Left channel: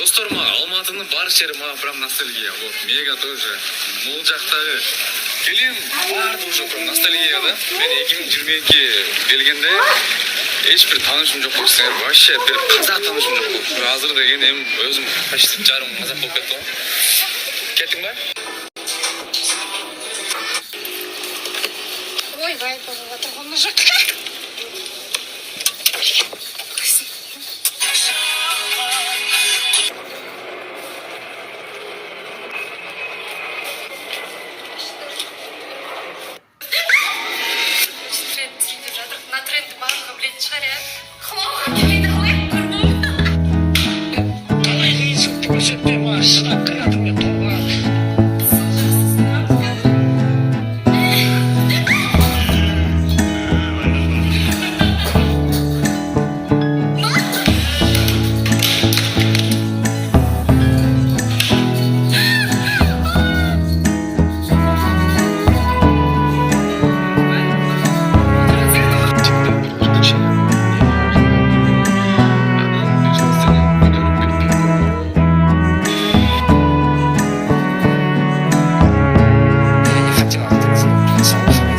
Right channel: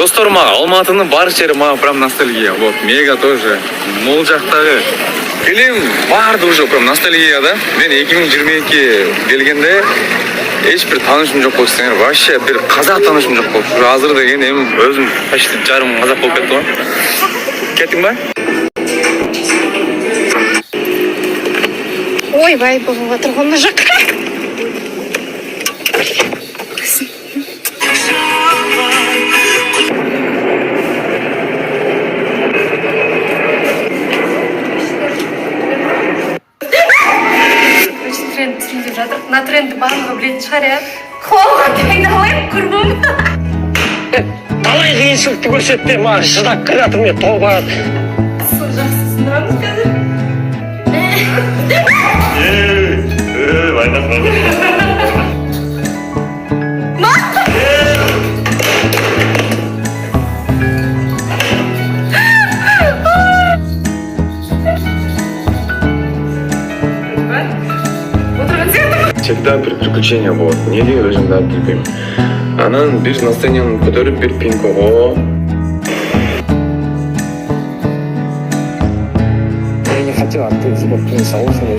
Достор, мага Алматының бар жері мага прям ностальгия. Вот, мега тоже. Мол жақтағы фильм барды уже прям ностальгия да. Мен 2022 келгенде ешбір танышым жоқ болды десеңер, вообще бір қазақ танышым жоқ болды. Азыр деген эми өзім почти жарым қазақ болып кетті ғой. Кеттің ба? Ойбай, болып отыр ғой мына жаққа. Түсіндіріп жатыр. Мына трендті барлығы білетін шығар, иә? Қолға айналайын, көрмем. Қалай қиыншылықты көрсетті, маған шыдап кіріп жатыр, мен тоба. Сол жақсысың ба біз қазір? Всегда бір приключения болады. Неге өзімді алып кетпеймін? Анан бир настроениемді көтеріп бир пинкого. Я не хотел актрисы, но принц Ауфен.